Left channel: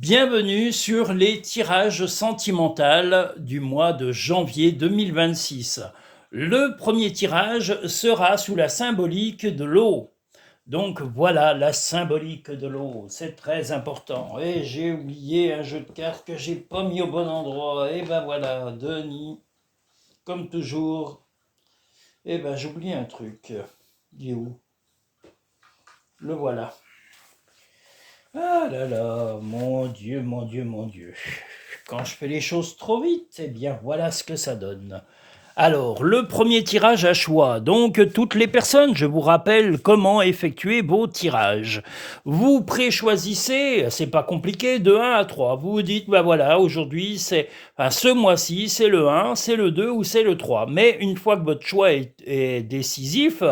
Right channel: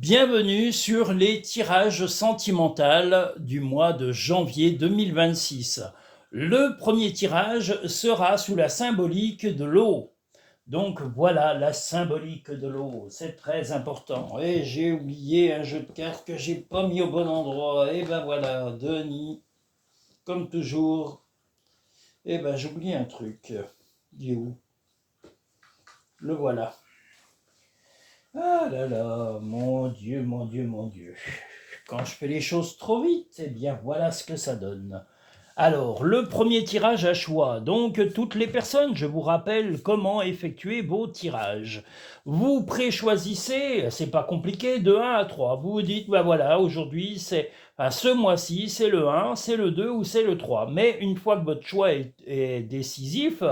Bienvenue sur les tirages sentimentaux du mois de janvier 2026. Le premier tirage sera sous la symbolique de l'eau. Donc voilà la symbolique de l'eau, c'est très important. Et j'ai oublié un jeu de cartes que j'ai pas mis au bon endroit. Et ben voilà, Denis, comme toujours. Et ben j'ai oublié un truc. Il est où? Le voilà. Ah là là, mon Dieu, mon Dieu, mon Dieu. Quand je fais les choses trop vite, eh bien voilà ce que ça donne. Alors, le premier tirage à choix. Donc, toutes les personnes, je vous rappelle comment effectuer vos tirages. Vous préchoisissez, c'est pas compliqué, de 1 à 3. Vous vous dites, bah voilà, aujourd'hui, ce mois-ci, c'est le 1, c'est le 2 ou c'est le 3. Mais une fois que votre choix est décisif,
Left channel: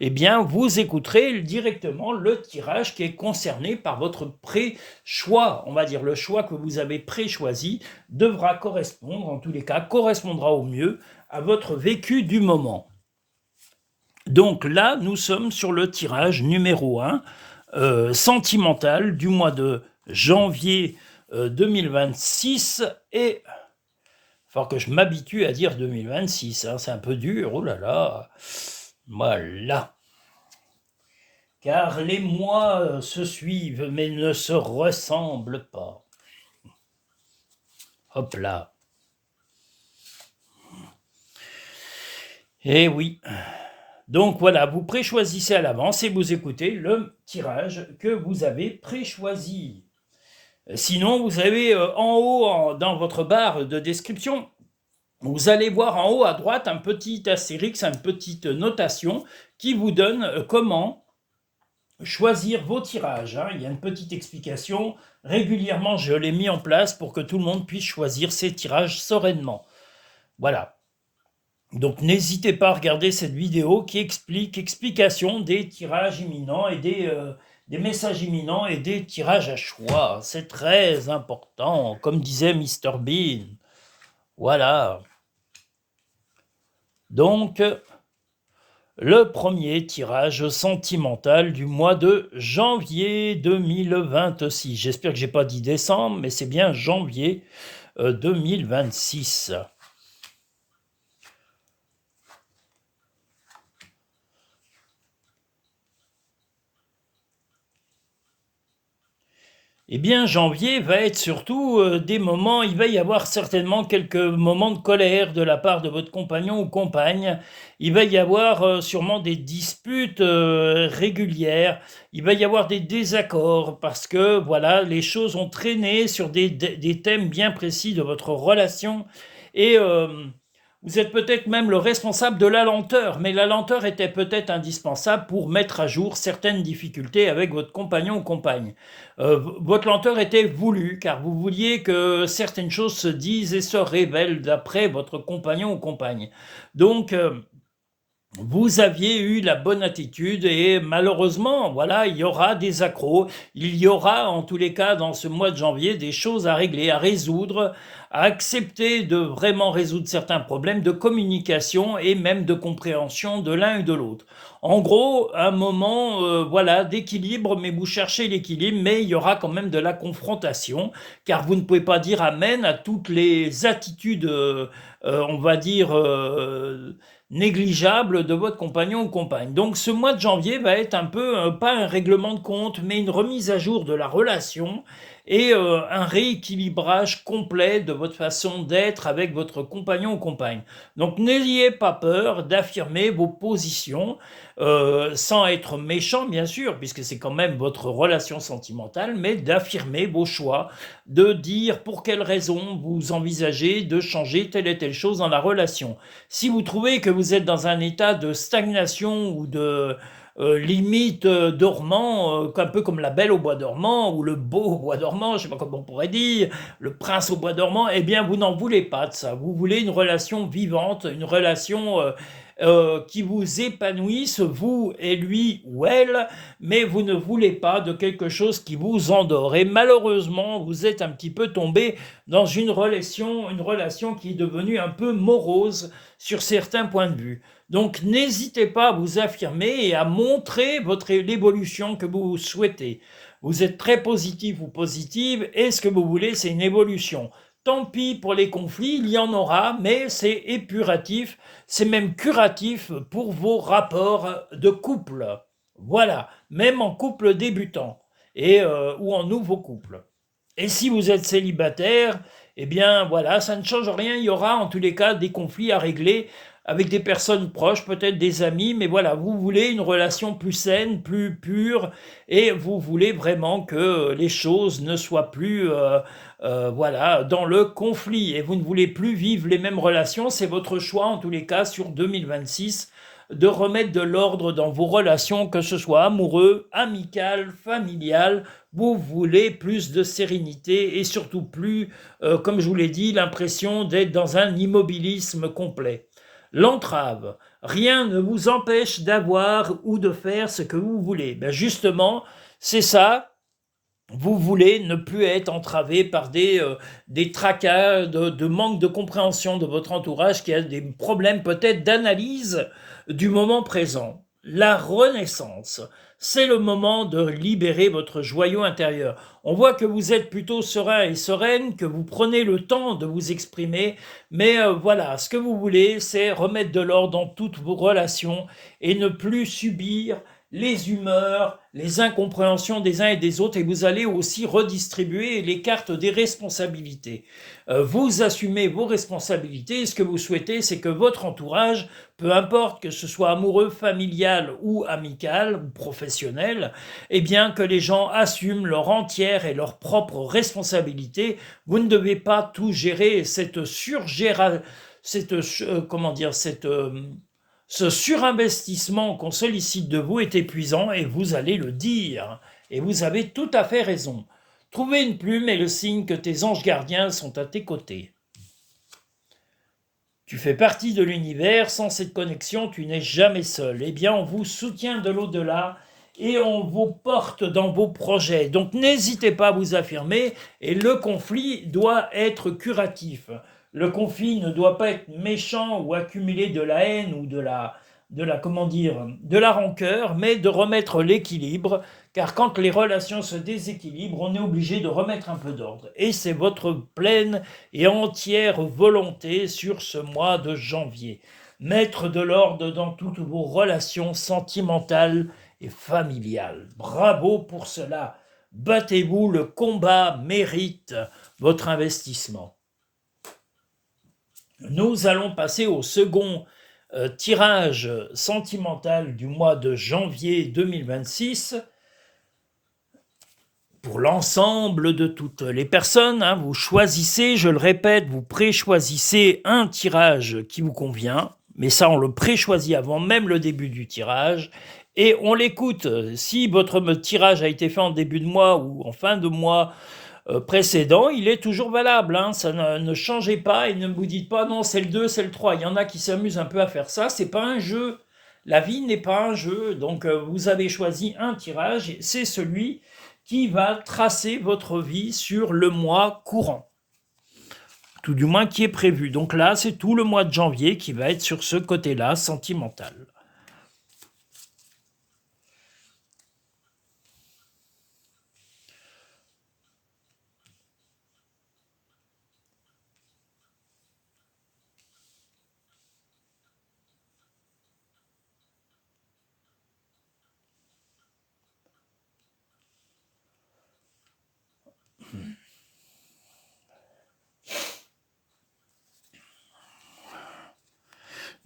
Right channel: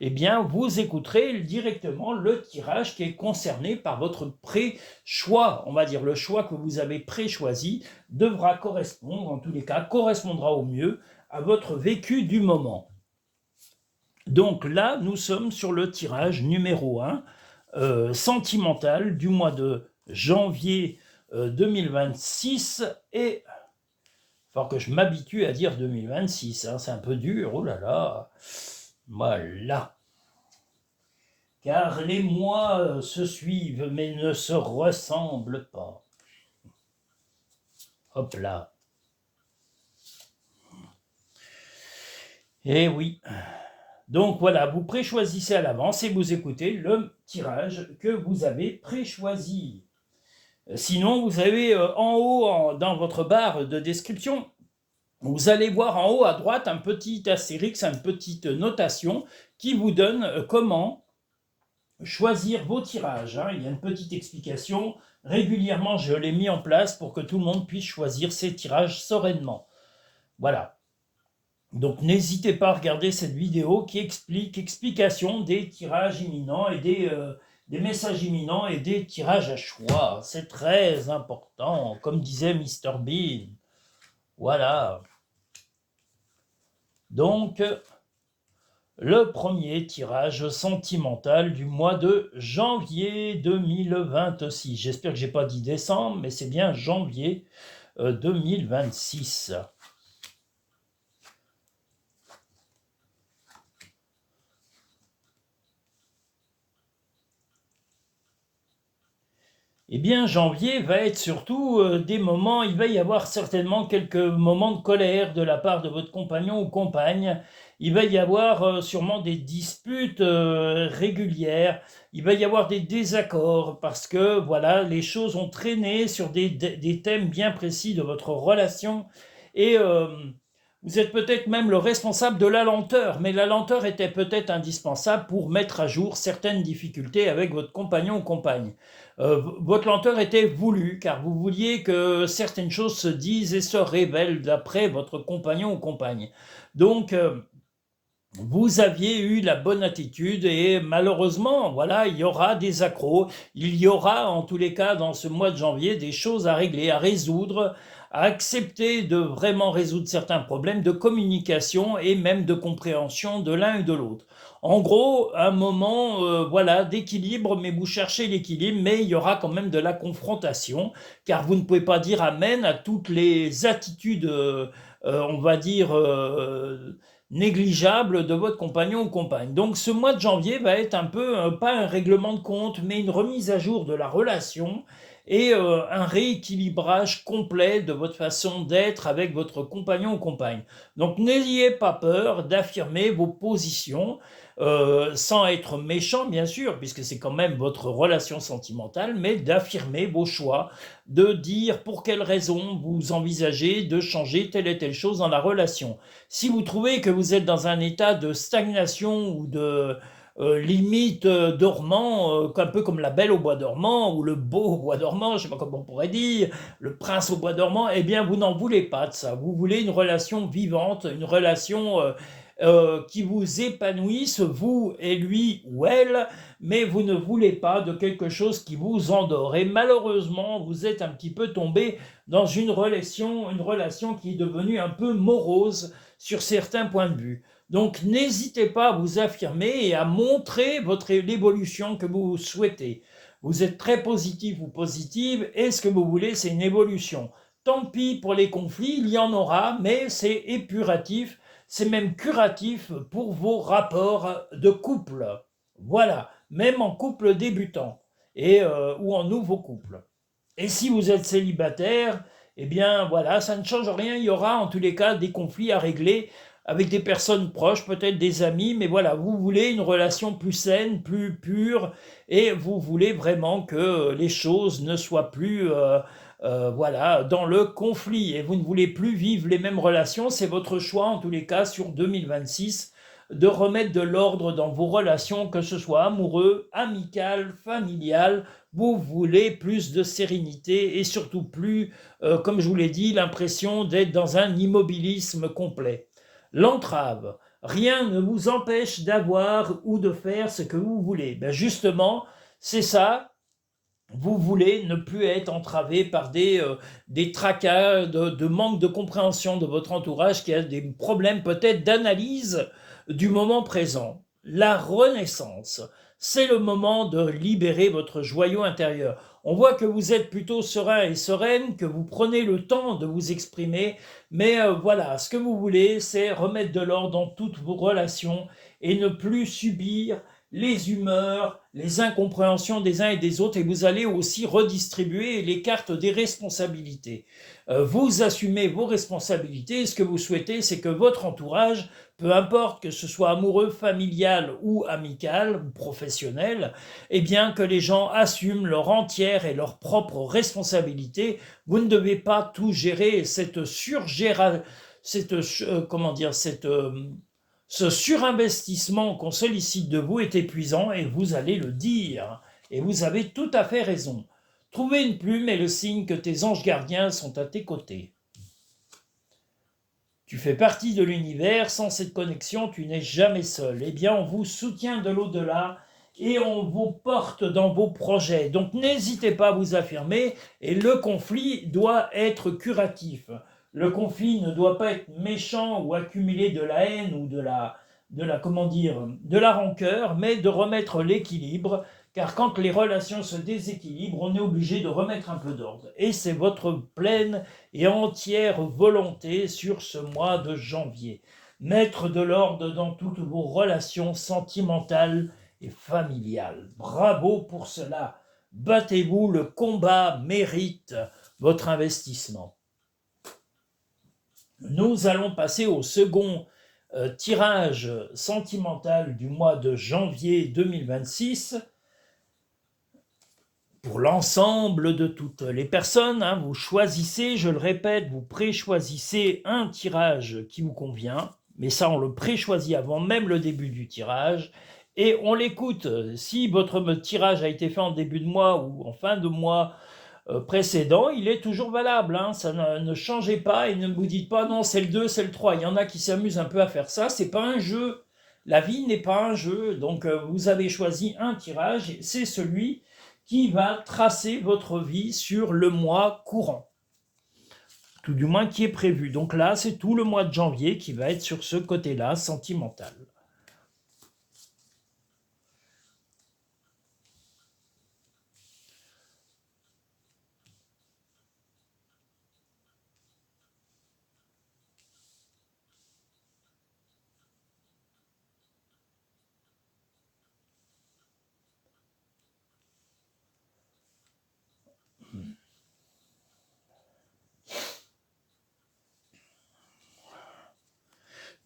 eh bien, vous écouterez directement le tirage qui est concerné par votre pré-choix. On va dire le choix que vous avez pré-choisi devra correspondre, en tous les cas, correspondra au mieux à votre vécu du moment. Donc là, nous sommes sur le tirage numéro 1, sentimental du mois de janvier 2026. Et il faut que je m'habitue à dire 2026, hein, c'est un peu dur, oh là là. Voilà. Car les mois se suivent mais ne se ressemblent pas. Hop là. Eh oui. Donc voilà, vous préchoisissez à l'avance et vous écoutez le tirage que vous avez préchoisi. Sinon, vous avez en haut, dans votre barre de description, vous allez voir en haut à droite un petit astérix, une petite notation qui vous donne comment choisir vos tirages. Il y a une petite explication. Régulièrement, je l'ai mis en place pour que tout le monde puisse choisir ses tirages sereinement. Voilà. Donc n'hésitez pas à regarder cette vidéo qui explication des tirages imminents et des messages imminents et des tirages à choix. C'est très important, comme disait Mr Bean. Voilà. Donc, le premier tirage sentimental du mois de janvier 2026. J'espère que je n'ai pas dit décembre, mais c'est bien janvier 2026. Eh bien, janvier va être surtout des moments, il va y avoir certainement quelques moments de colère de la part de votre compagnon ou compagne. Il va y avoir sûrement des disputes régulières. Il va y avoir des désaccords parce que, voilà, les choses ont traîné sur des thèmes bien précis de votre relation. Et vous êtes peut-être même le responsable de la lenteur, mais la lenteur était peut-être indispensable pour mettre à jour certaines difficultés avec votre compagnon ou compagne. Votre lenteur était voulue, car vous vouliez que certaines choses se disent et se révèlent d'après votre compagnon ou compagne. Donc, vous aviez eu la bonne attitude et malheureusement, voilà, il y aura des accros. Il y aura, en tous les cas, dans ce mois de janvier, des choses à régler, à résoudre, à accepter de vraiment résoudre certains problèmes de communication et même de compréhension de l'un ou de l'autre. En gros, un moment, voilà, d'équilibre, mais vous cherchez l'équilibre, mais il y aura quand même de la confrontation, car vous ne pouvez pas dire amen à toutes les attitudes, on va dire, négligeable de votre compagnon ou compagne. Donc ce mois de janvier va être un peu, pas un règlement de compte, mais une remise à jour de la relation et un rééquilibrage complet de votre façon d'être avec votre compagnon ou compagne. Donc n'ayez pas peur d'affirmer vos positions, sans être méchant bien sûr, puisque c'est quand même votre relation sentimentale, mais d'affirmer vos choix, de dire pour quelles raisons vous envisagez de changer telle et telle chose dans la relation. Si vous trouvez que vous êtes dans un état de stagnation ou de limite dormant, un peu comme la belle au bois dormant ou le beau au bois dormant, je ne sais pas comment on pourrait dire, le prince au bois dormant, eh bien vous n'en voulez pas de ça. Vous voulez une relation vivante, une relation qui vous épanouisse, vous et lui ou elle, mais vous ne voulez pas de quelque chose qui vous endort. Et malheureusement, vous êtes un petit peu tombé dans une relation qui est devenue un peu morose sur certains points de vue. Donc n'hésitez pas à vous affirmer et à montrer l'évolution que vous souhaitez. Vous êtes très positif ou positive et ce que vous voulez, c'est une évolution. Tant pis pour les conflits, il y en aura, mais c'est épuratif, c'est même curatif pour vos rapports de couple. Voilà, même en couple débutant ou en nouveau couple. Et si vous êtes célibataire, eh bien voilà, ça ne change rien. Il y aura en tous les cas des conflits à régler avec des personnes proches, peut-être des amis, mais voilà, vous voulez une relation plus saine, plus pure, et vous voulez vraiment que les choses ne soient plus voilà, dans le conflit, et vous ne voulez plus vivre les mêmes relations. C'est votre choix en tous les cas sur 2026 de remettre de l'ordre dans vos relations, que ce soit amoureux, amical, familial. Vous voulez plus de sérénité et surtout plus, comme je vous l'ai dit, l'impression d'être dans un immobilisme complet. L'entrave, rien ne vous empêche d'avoir ou de faire ce que vous voulez. Ben justement, c'est ça. Vous voulez ne plus être entravé par des tracas de manque de compréhension de votre entourage qui a des problèmes peut-être d'analyse du moment présent. La renaissance, c'est le moment de libérer votre joyau intérieur. On voit que vous êtes plutôt serein et sereine, que vous prenez le temps de vous exprimer, mais voilà, ce que vous voulez, c'est remettre de l'ordre dans toutes vos relations et ne plus subir les humeurs, les incompréhensions des uns et des autres, et vous allez aussi redistribuer les cartes des responsabilités. Vous assumez vos responsabilités, et ce que vous souhaitez, c'est que votre entourage, peu importe que ce soit amoureux, familial ou amical ou professionnel, eh bien que les gens assument leur entière et leur propre responsabilité. Vous ne devez pas tout gérer, comment dire, ce surinvestissement qu'on sollicite de vous est épuisant et vous allez le dire. Et vous avez tout à fait raison. Trouver une plume est le signe que tes anges gardiens sont à tes côtés. Tu fais partie de l'univers, sans cette connexion, tu n'es jamais seul. Eh bien, on vous soutient de l'au-delà et on vous porte dans vos projets. Donc n'hésitez pas à vous affirmer et le conflit doit être curatif. Le conflit ne doit pas être méchant ou accumuler de la haine ou comment dire, de la rancœur, mais de remettre l'équilibre, car quand les relations se déséquilibrent, on est obligé de remettre un peu d'ordre. Et c'est votre pleine et entière volonté sur ce mois de janvier. Mettre de l'ordre dans toutes vos relations sentimentales et familiales. Bravo pour cela. Battez-vous, le combat mérite votre investissement. Nous allons passer au second tirage sentimental du mois de janvier 2026 pour l'ensemble de toutes les personnes. Vous choisissez, je le répète, vous pré-choisissez un tirage qui vous convient, mais ça on le pré-choisit avant même le début du tirage, et on l'écoute. Si votre tirage a été fait en début de mois ou en fin de mois précédent, il est toujours valable. Ça ne changez pas et ne vous dites pas non, c'est le 2, c'est le 3. Il y en a qui s'amusent un peu à faire ça. C'est pas un jeu. La vie n'est pas un jeu. Donc vous avez choisi un tirage et c'est celui qui va tracer votre vie sur le mois courant. Tout du moins qui est prévu. Donc là, c'est tout le mois de janvier qui va être sur ce côté-là, sentimental.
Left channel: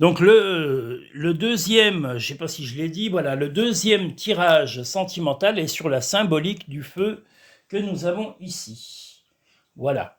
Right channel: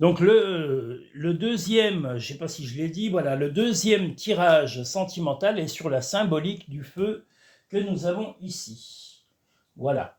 Donc le deuxième, je ne sais pas si je l'ai dit, voilà, le deuxième tirage sentimental est sur la symbolique du feu que nous avons ici. Voilà.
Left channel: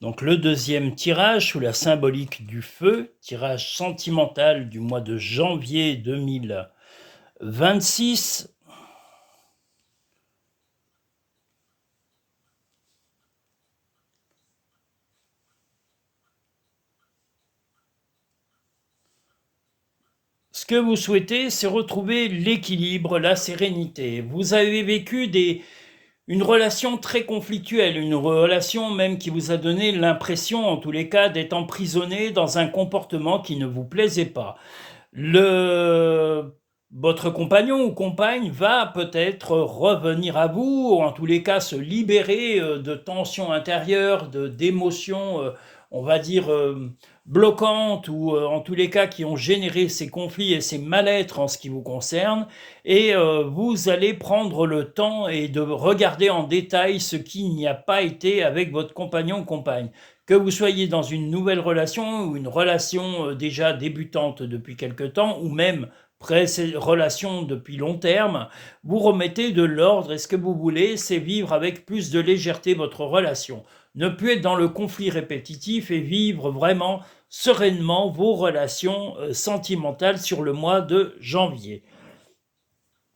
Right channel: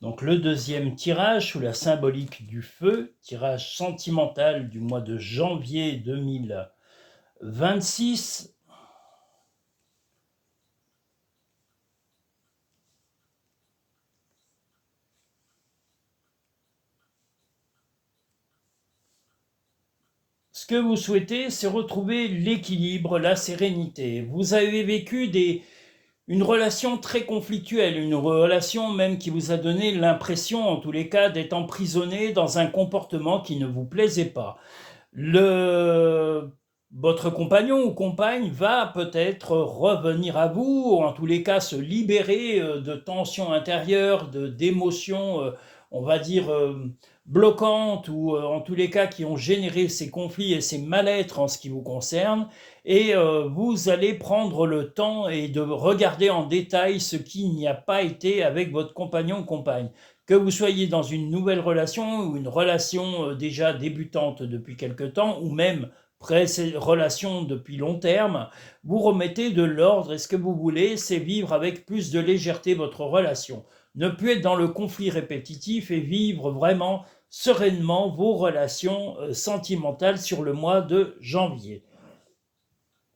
Donc le deuxième tirage sous la symbolique du feu, tirage sentimental du mois de janvier 2026. Ce que vous souhaitez, c'est retrouver l'équilibre, la sérénité. Vous avez vécu une relation très conflictuelle, une relation même qui vous a donné l'impression, en tous les cas, d'être emprisonné dans un comportement qui ne vous plaisait pas. Le... Votre compagnon ou compagne va peut-être revenir à vous, ou en tous les cas se libérer de tensions intérieures, d'émotions, on va dire, bloquantes, ou en tous les cas qui ont généré ces conflits et ces mal-être en ce qui vous concerne. Et vous allez prendre le temps et de regarder en détail ce qui n'y a pas été avec votre compagnon ou compagne. Que vous soyez dans une nouvelle relation ou une relation déjà débutante depuis quelque temps, ou même relation depuis long terme, vous remettez de l'ordre et ce que vous voulez, c'est vivre avec plus de légèreté votre relation. Ne plus être dans le conflit répétitif et vivre vraiment sereinement vos relations sentimentales sur le mois de janvier.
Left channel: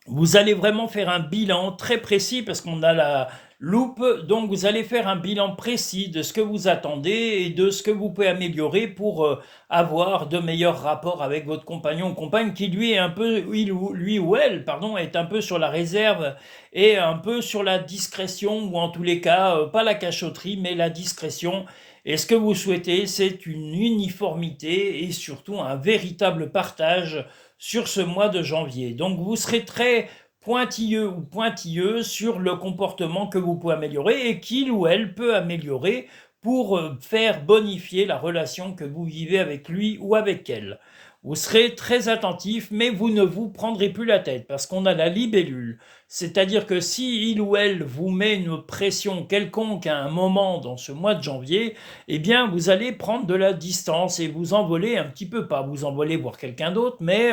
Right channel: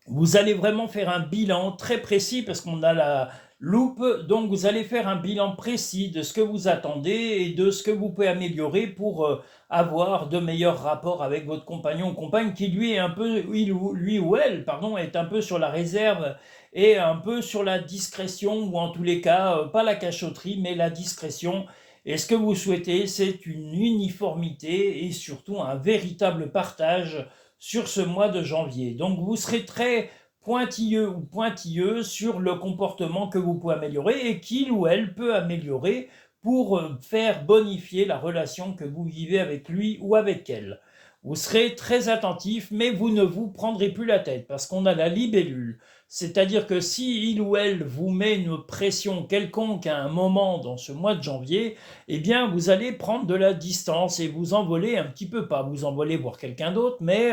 Vous allez vraiment faire un bilan très précis parce qu'on a la loupe, donc vous allez faire un bilan précis de ce que vous attendez et de ce que vous pouvez améliorer pour avoir de meilleurs rapports avec votre compagnon ou compagne qui lui est un peu, lui ou elle, pardon, est un peu sur la réserve et un peu sur la discrétion, ou en tous les cas, pas la cachotterie, mais la discrétion. Et ce que vous souhaitez, c'est une uniformité et surtout un véritable partage sur ce mois de janvier. Donc vous serez très pointilleux ou pointilleuse sur le comportement que vous pouvez améliorer et qu'il ou elle peut améliorer pour faire bonifier la relation que vous vivez avec lui ou avec elle. Vous serez très attentif, mais vous ne vous prendrez plus la tête parce qu'on a la libellule. C'est-à-dire que si il ou elle vous met une pression quelconque à un moment dans ce mois de janvier, eh bien vous allez prendre de la distance et vous envoler un petit peu, pas vous envoler voir quelqu'un d'autre, mais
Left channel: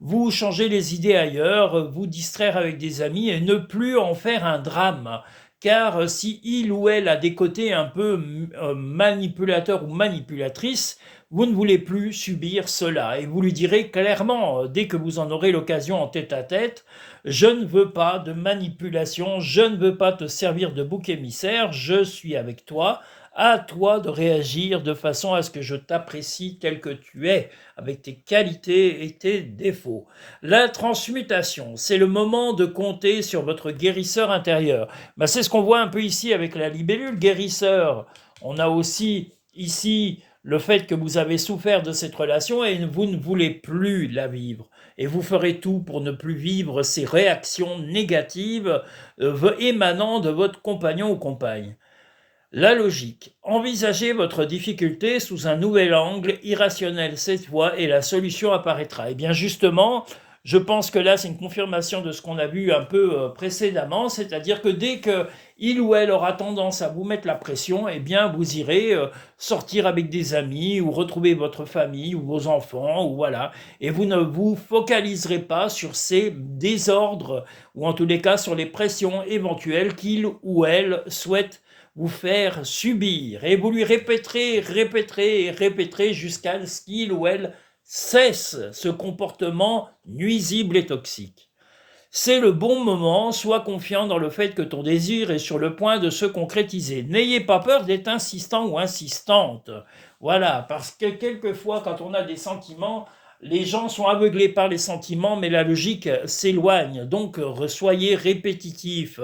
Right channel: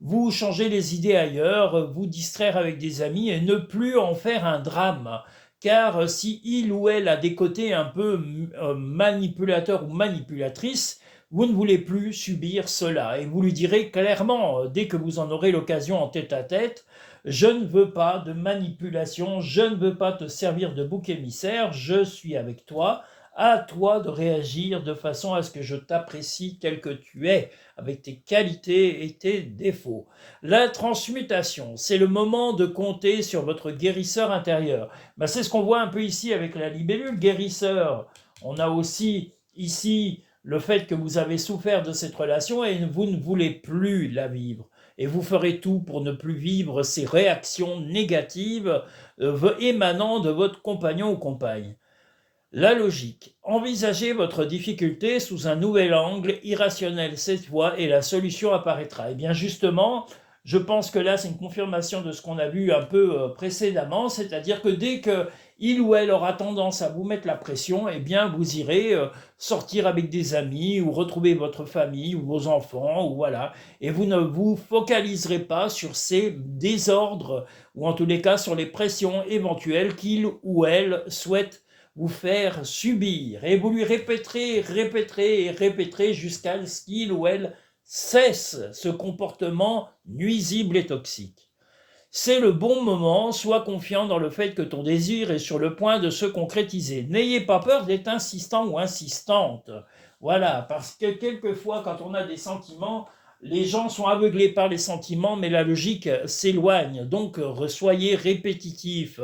vous changer les idées ailleurs, vous distraire avec des amis et ne plus en faire un drame. Car si il ou elle a des côtés un peu manipulateurs ou manipulatrices, vous ne voulez plus subir cela. Et vous lui direz clairement, dès que vous en aurez l'occasion en tête à tête, je ne veux pas de manipulation, je ne veux pas te servir de bouc émissaire, je suis avec toi, à toi de réagir de façon à ce que je t'apprécie tel que tu es, avec tes qualités et tes défauts. La transmutation, c'est le moment de compter sur votre guérisseur intérieur. Ben, c'est ce qu'on voit un peu ici avec la libellule guérisseur. On a aussi ici le fait que vous avez souffert de cette relation et vous ne voulez plus la vivre. Et vous ferez tout pour ne plus vivre ces réactions négatives émanant de votre compagnon ou compagne. La logique. Envisagez votre difficulté sous un nouvel angle, irrationnel cette fois, et la solution apparaîtra. Et bien justement, je pense que là, c'est une confirmation de ce qu'on a vu un peu précédemment, c'est-à-dire que dès que il ou elle aura tendance à vous mettre la pression, eh bien vous irez sortir avec des amis ou retrouver votre famille ou vos enfants, ou voilà, et vous ne vous focaliserez pas sur ces désordres ou en tous les cas sur les pressions éventuelles qu'il ou elle souhaite vous faire subir, et vous lui répéterez, répéterez et répéterez jusqu'à ce qu'il ou elle cesse ce comportement nuisible et toxique. C'est le bon moment, sois confiant dans le fait que ton désir est sur le point de se concrétiser. N'ayez pas peur d'être insistant ou insistante. Voilà, parce que quelquefois, quand on a des sentiments, les gens sont aveuglés par les sentiments, mais la logique s'éloigne. Donc, soyez répétitif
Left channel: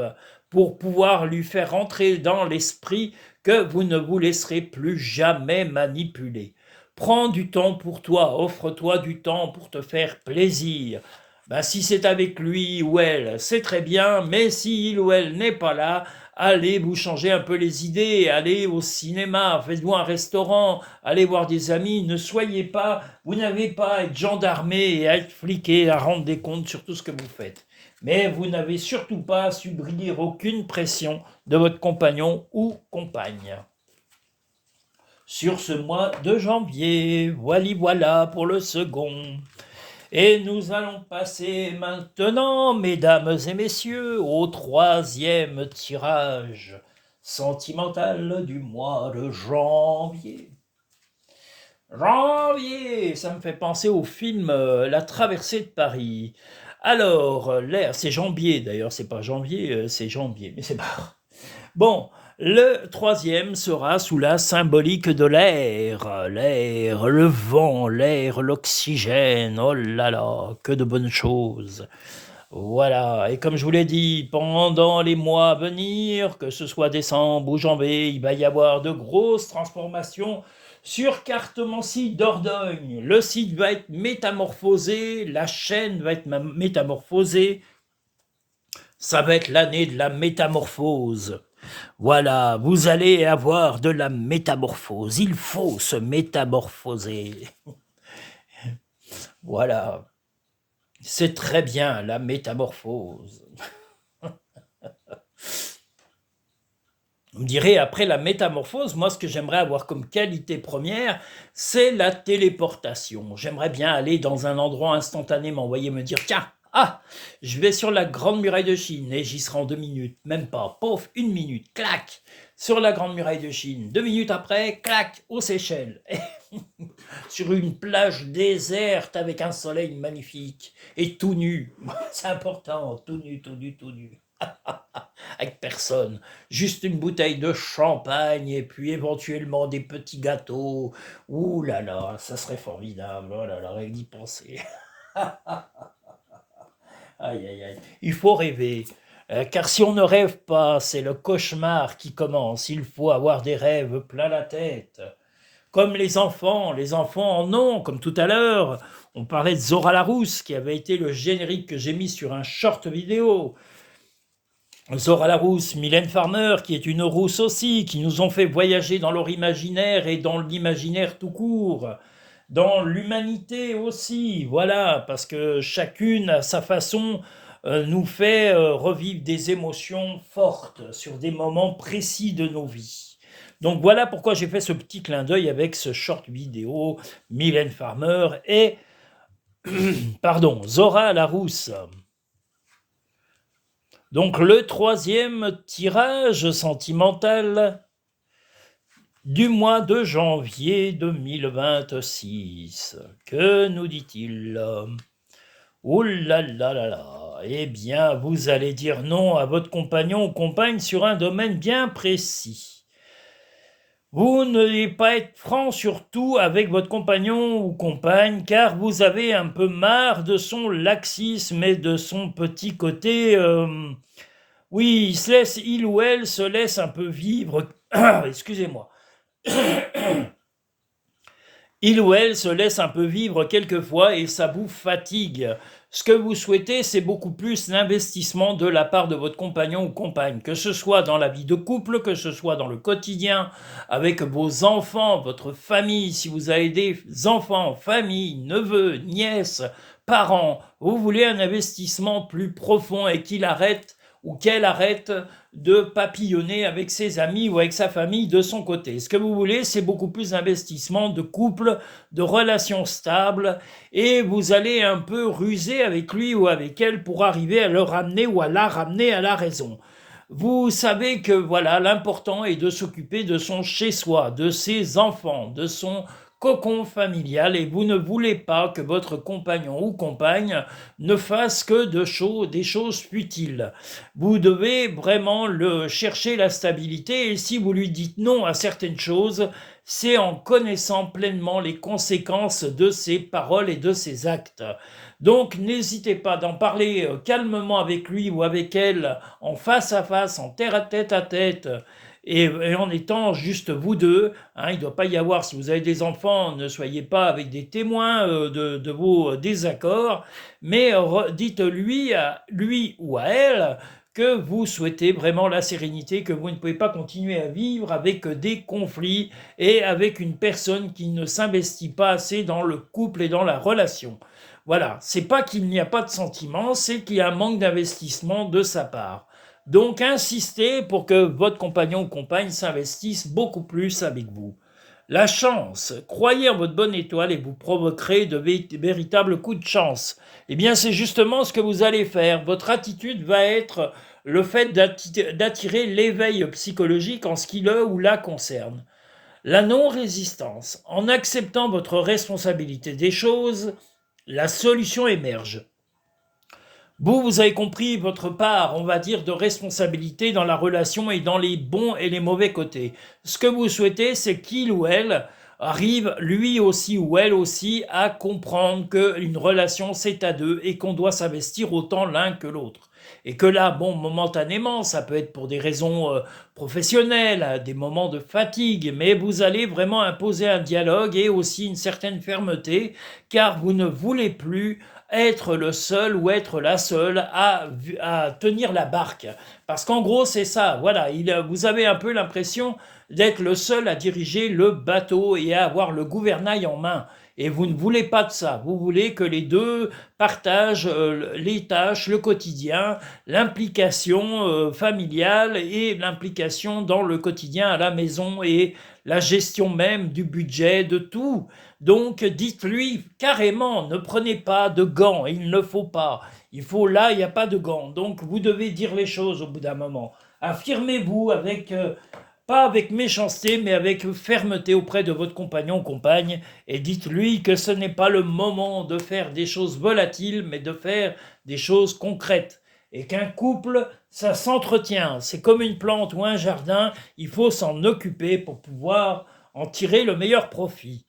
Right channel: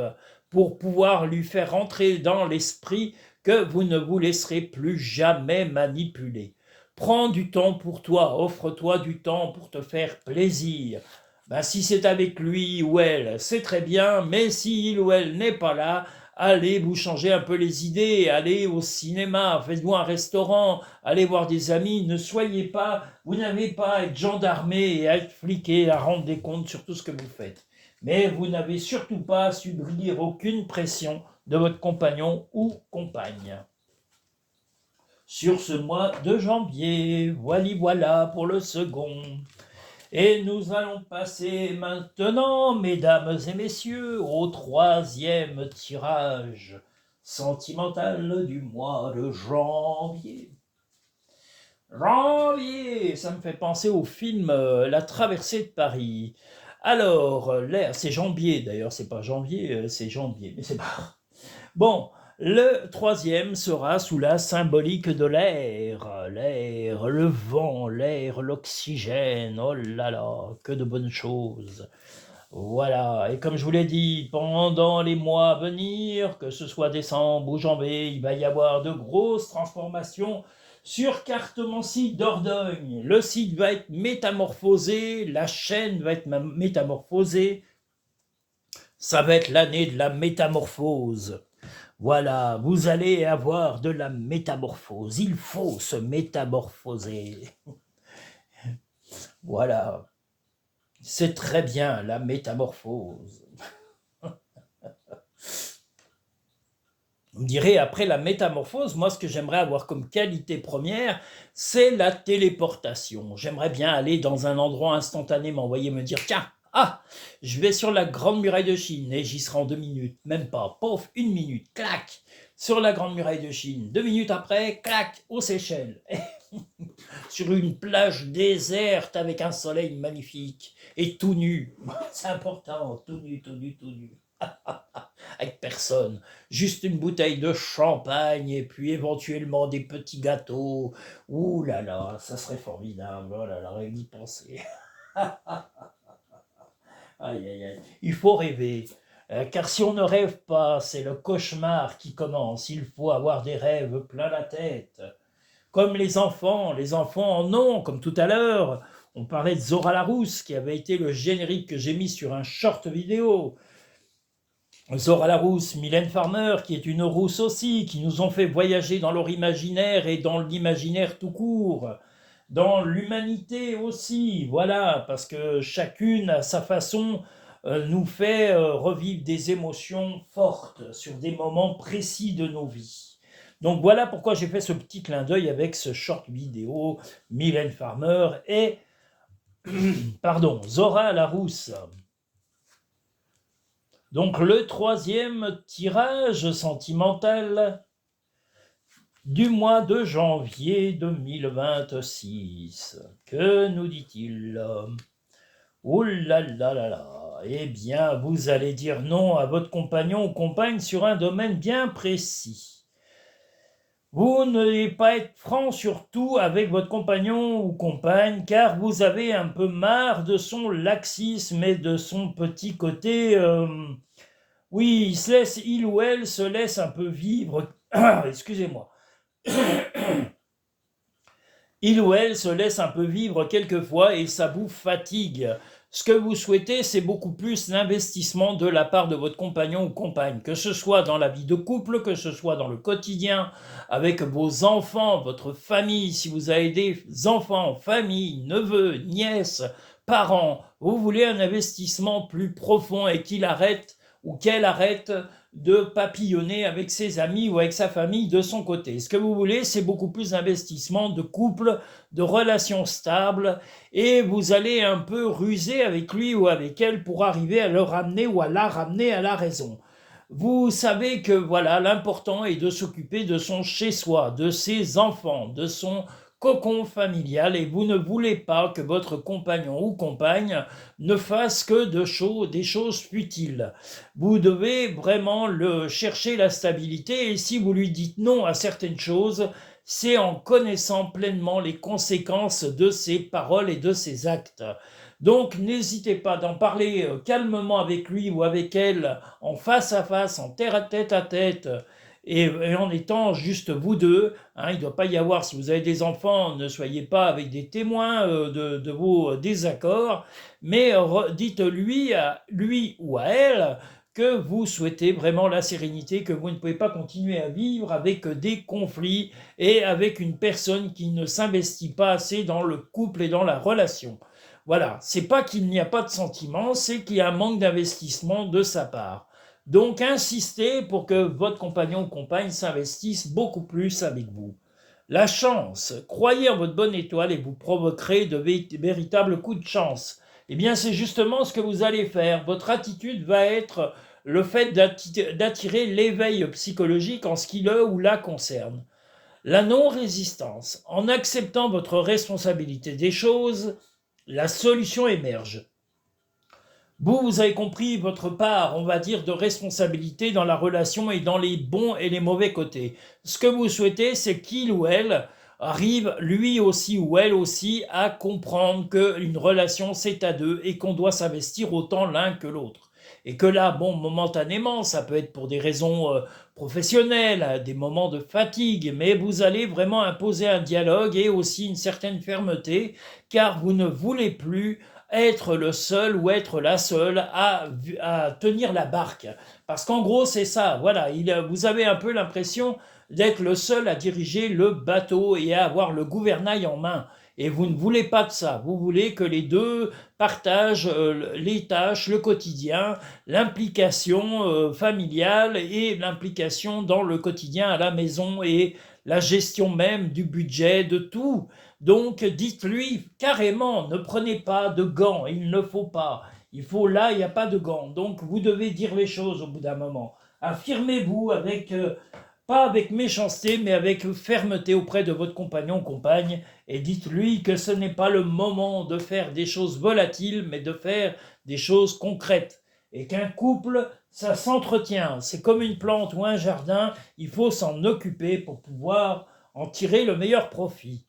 pour pouvoir lui faire rentrer dans l'esprit que vous ne vous laisserez plus jamais manipuler. Prends du temps pour toi, offre-toi du temps pour te faire plaisir. Ben, si c'est avec lui ou elle, c'est très bien, mais si il ou elle n'est pas là, allez vous changer un peu les idées, allez au cinéma, faites-vous un restaurant, allez voir des amis, ne soyez pas, vous n'avez pas à être gendarmé et à être fliqué, à rendre des comptes sur tout ce que vous faites. Mais vous n'avez surtout pas à subir aucune pression de votre compagnon ou compagne. Sur ce mois de janvier, voilà pour le second. Et nous allons passer maintenant, mesdames et messieurs, au troisième tirage sentimentale du mois de janvier. Janvier, ça me fait penser au film La traversée de Paris. Alors, l'air, c'est janvier d'ailleurs, c'est pas janvier, c'est janvier, mais c'est pas. Bon, le troisième sera sous la symbolique de l'air. L'air, le vent, l'air, l'oxygène, oh là là, que de bonnes choses. Voilà, et comme je vous l'ai dit, pendant les mois à venir, que ce soit décembre ou janvier, il va y avoir de grosses transformations sur Cartomancie Dordogne. Le site va être métamorphosé, la chaîne va être métamorphosée. Ça va être l'année de la métamorphose. Voilà, vous allez avoir de la métamorphose. Il faut se métamorphoser. Voilà, c'est très bien la métamorphose. Vous me direz, après la métamorphose, moi, ce que j'aimerais avoir comme qualité première, c'est la téléportation. J'aimerais bien aller dans un endroit instantanément, voyez, me dire, tiens, je vais sur la Grande Muraille de Chine, et j'y serai en 2 minutes, même pas, pauvre, 1 minute, clac, sur la Grande Muraille de Chine. 2 minutes après, clac, aux Seychelles. Sur une plage déserte avec un soleil magnifique, et tout nu. C'est important, tout nu, tout nu, tout nu. Avec personne, juste une bouteille de champagne et puis éventuellement des petits gâteaux. Ouh là là, ça serait formidable. Oh là là, rien d'y penser. Aïe aïe aïe. Il faut rêver. Car si on ne rêve pas, c'est le cauchemar qui commence. Il faut avoir des rêves plein la tête. Comme les enfants en ont, comme tout à l'heure. On parlait de Zora Larousse, qui avait été le générique que j'ai mis sur un short vidéo. Zora Larousse, Mylène Farmer, qui est une rousse aussi, qui nous ont fait voyager dans leur imaginaire et dans l'imaginaire tout court, dans l'humanité aussi, voilà, parce que chacune, à sa façon, nous fait revivre des émotions fortes sur des moments précis de nos vies. Donc voilà pourquoi j'ai fait ce petit clin d'œil avec ce short vidéo, Mylène Farmer et, pardon, Zora Larousse. Donc le troisième tirage sentimental du mois de janvier 2026. Que nous dit-il? Oh là là là là. Eh bien, vous allez dire non à votre compagnon ou compagne sur un domaine bien précis. Vous n'allez pas être franc surtout avec votre compagnon ou compagne car vous avez un peu marre de son laxisme et de son petit côté... oui, il ou elle se laisse un peu vivre... Excusez-moi. Il ou elle se laisse un peu vivre quelquefois et ça vous fatigue. Ce que vous souhaitez, c'est beaucoup plus l'investissement de la part de votre compagnon ou compagne, que ce soit dans la vie de couple, que ce soit dans le quotidien, avec vos enfants, votre famille, si vous avez des enfants, famille, neveux, nièces, parents, vous voulez un investissement plus profond et qu'il arrête ou qu'elle arrête de papillonner avec ses amis ou avec sa famille de son côté. Ce que vous voulez, c'est beaucoup plus d'investissement, de couple, de relations stables, et vous allez un peu ruser avec lui ou avec elle pour arriver à le ramener ou à la ramener à la raison. Vous savez que voilà, l'important est de s'occuper de son chez-soi, de ses enfants, de son cocon familial, et vous ne voulez pas que votre compagnon ou compagne ne fasse que des choses futiles. Vous devez vraiment chercher la stabilité, et si vous lui dites non à certaines choses, c'est en connaissant pleinement les conséquences de ses paroles et de ses actes. Donc n'hésitez pas d'en parler calmement avec lui ou avec elle, en face à face, en tête à tête, et en étant juste vous deux. Il ne doit pas y avoir, si vous avez des enfants, ne soyez pas avec des témoins de vos désaccords, mais dites-lui lui ou à elle que vous souhaitez vraiment la sérénité, que vous ne pouvez pas continuer à vivre avec des conflits et avec une personne qui ne s'investit pas assez dans le couple et dans la relation. Voilà, c'est pas qu'il n'y a pas de sentiment, c'est qu'il y a un manque d'investissement de sa part. Donc insistez pour que votre compagnon ou compagne s'investisse beaucoup plus avec vous. La chance, croyez en votre bonne étoile et vous provoquerez de véritables coups de chance. Eh bien c'est justement ce que vous allez faire. Votre attitude va être le fait d'attirer l'éveil psychologique en ce qui le ou la concerne. La non-résistance. En acceptant votre responsabilité des choses, la solution émerge. Vous avez compris votre part, on va dire, de responsabilité dans la relation et dans les bons et les mauvais côtés. Ce que vous souhaitez, c'est qu'il ou elle arrive, lui aussi ou elle aussi, à comprendre qu'une relation, c'est à deux et qu'on doit s'investir autant l'un que l'autre. Et que là, bon, momentanément, ça peut être pour des raisons professionnelles, des moments de fatigue, mais vous allez vraiment imposer un dialogue et aussi une certaine fermeté, car vous ne voulez plus être le seul ou être la seule à tenir la barque. Parce qu'en gros, c'est ça, voilà, vous avez un peu l'impression d'être le seul à diriger le bateau et à avoir le gouvernail en main. Et vous ne voulez pas de ça, vous voulez que les deux partagent les tâches, le quotidien, l'implication familiale et l'implication dans le quotidien à la maison et la gestion même du budget, de tout. Donc dites-lui carrément, ne prenez pas de gants, il ne faut pas. Il faut là, il n'y a pas de gants. Donc vous devez dire les choses au bout d'un moment. Affirmez-vous avec, pas avec méchanceté, mais avec fermeté auprès de votre compagnon ou compagne et dites-lui que ce n'est pas le moment de faire des choses volatiles, mais de faire des choses concrètes. Et qu'un couple, ça s'entretient. C'est comme une plante ou un jardin, il faut s'en occuper pour pouvoir en tirer le meilleur profit.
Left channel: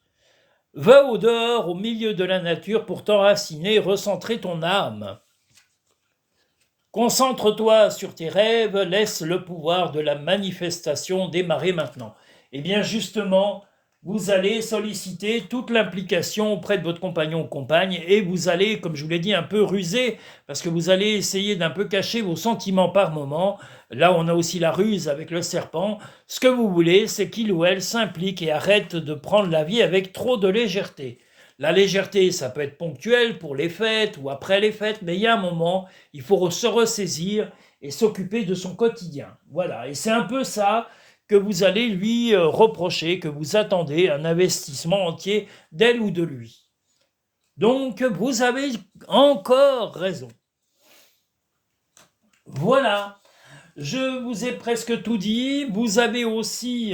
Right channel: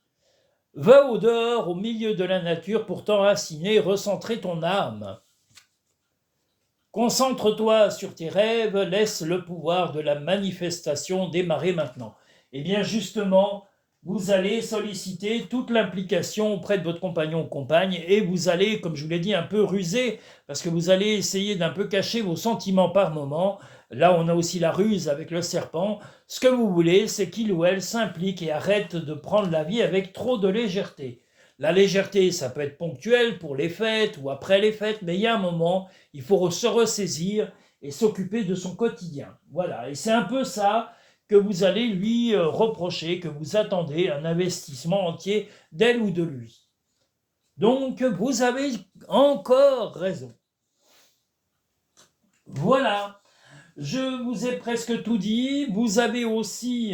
Va au dehors, au milieu de la nature, pour t'enraciner, recentrer ton âme. Concentre-toi sur tes rêves, laisse le pouvoir de la manifestation démarrer maintenant. Et bien justement, vous allez solliciter toute l'implication auprès de votre compagnon ou compagne et vous allez, comme je vous l'ai dit, un peu ruser parce que vous allez essayer d'un peu cacher vos sentiments par moment. Là, on a aussi la ruse avec le serpent. Ce que vous voulez, c'est qu'il ou elle s'implique et arrête de prendre la vie avec trop de légèreté. La légèreté, ça peut être ponctuel pour les fêtes ou après les fêtes, mais il y a un moment, il faut se ressaisir et s'occuper de son quotidien. Voilà, et c'est un peu ça que vous allez lui reprocher, que vous attendez un investissement entier d'elle ou de lui. Donc, vous avez encore raison. Voilà, je vous ai presque tout dit. Vous avez aussi,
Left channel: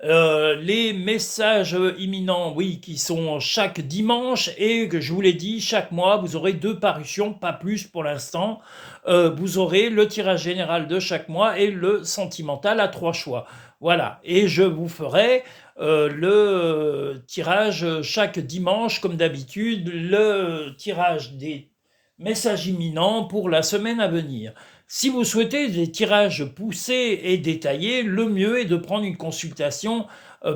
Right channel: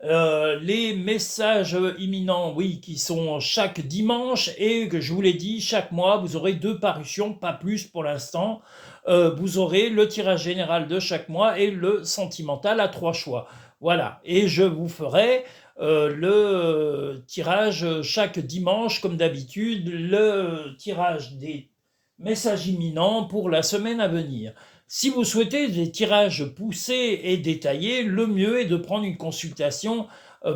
les messages imminents, oui, qui sont chaque dimanche et que je vous l'ai dit, chaque mois, vous aurez 2 parutions, pas plus pour l'instant. Vous aurez le tirage général de chaque mois et le sentimental à 3 choix. Voilà, et je vous ferai le tirage chaque dimanche, comme d'habitude, le tirage des messages imminents pour la semaine à venir. Si vous souhaitez des tirages poussés et détaillés, le mieux est de prendre une consultation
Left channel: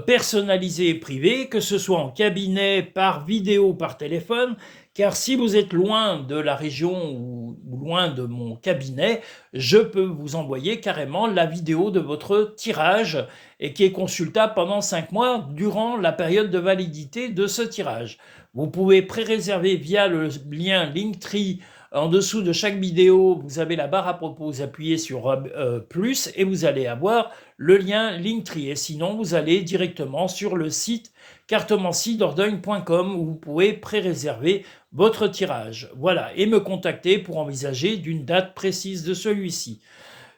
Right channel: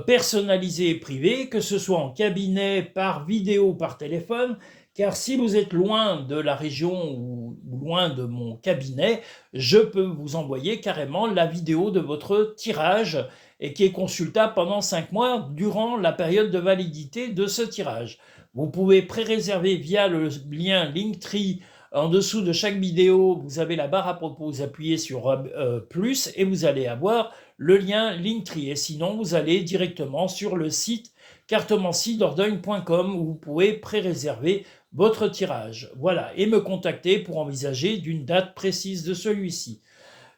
personnalisée et privée, que ce soit en cabinet, par vidéo, par téléphone, car si vous êtes loin de la région ou loin de mon cabinet, je peux vous envoyer carrément la vidéo de votre tirage et qui est consultable pendant 5 mois durant la période de validité de ce tirage. Vous pouvez pré-réserver via le lien Linktree. En dessous de chaque vidéo, vous avez la barre à propos, vous appuyez sur plus et vous allez avoir le lien Linktree. Et sinon, vous allez directement sur le site cartomanciedordogne.com où vous pouvez pré-réserver votre tirage. Voilà, et me contacter pour envisager d'une date précise de celui-ci.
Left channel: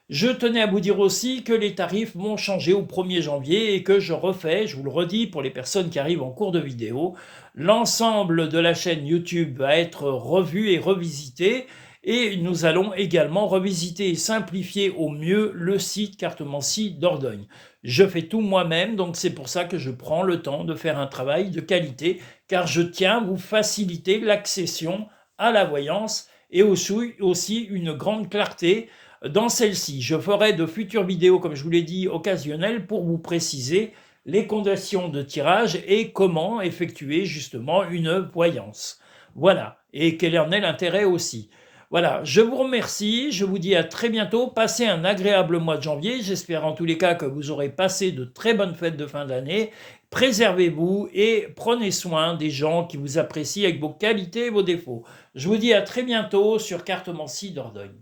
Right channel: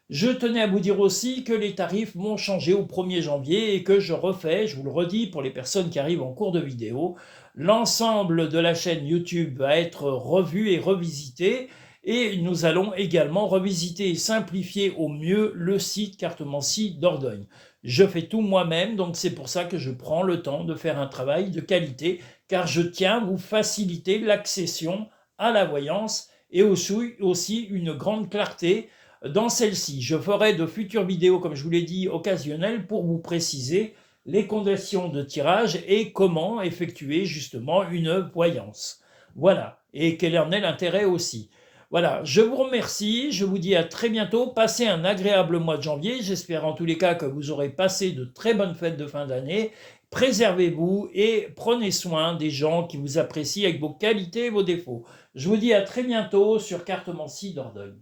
Je tenais à vous dire aussi que les tarifs vont changer au 1er janvier et que je refais, je vous le redis pour les personnes qui arrivent en cours de vidéo, l'ensemble de la chaîne YouTube va être revu et revisité et nous allons également revisiter et simplifier au mieux le site Cartomancie Dordogne. Je fais tout moi-même, donc c'est pour ça que je prends le temps de faire un travail de qualité, car je tiens à vous faciliter l'accession à la voyance et aussi une grande clarté dans celle-ci. Je ferai de futures vidéos, comme je vous l'ai dit, occasionnelles pour vous préciser les conditions de tirage et comment effectuer justement une voyance. Voilà, et quel en est l'intérêt aussi. Voilà, je vous remercie, je vous dis à très bientôt, passez un agréable mois de janvier, j'espère en tous les cas que vous aurez passé de très bonnes fêtes de fin d'année, préservez-vous et prenez soin des gens qui vous apprécient avec vos qualités et vos défauts. Je vous dis à très bientôt sur Cartomancie Dordogne.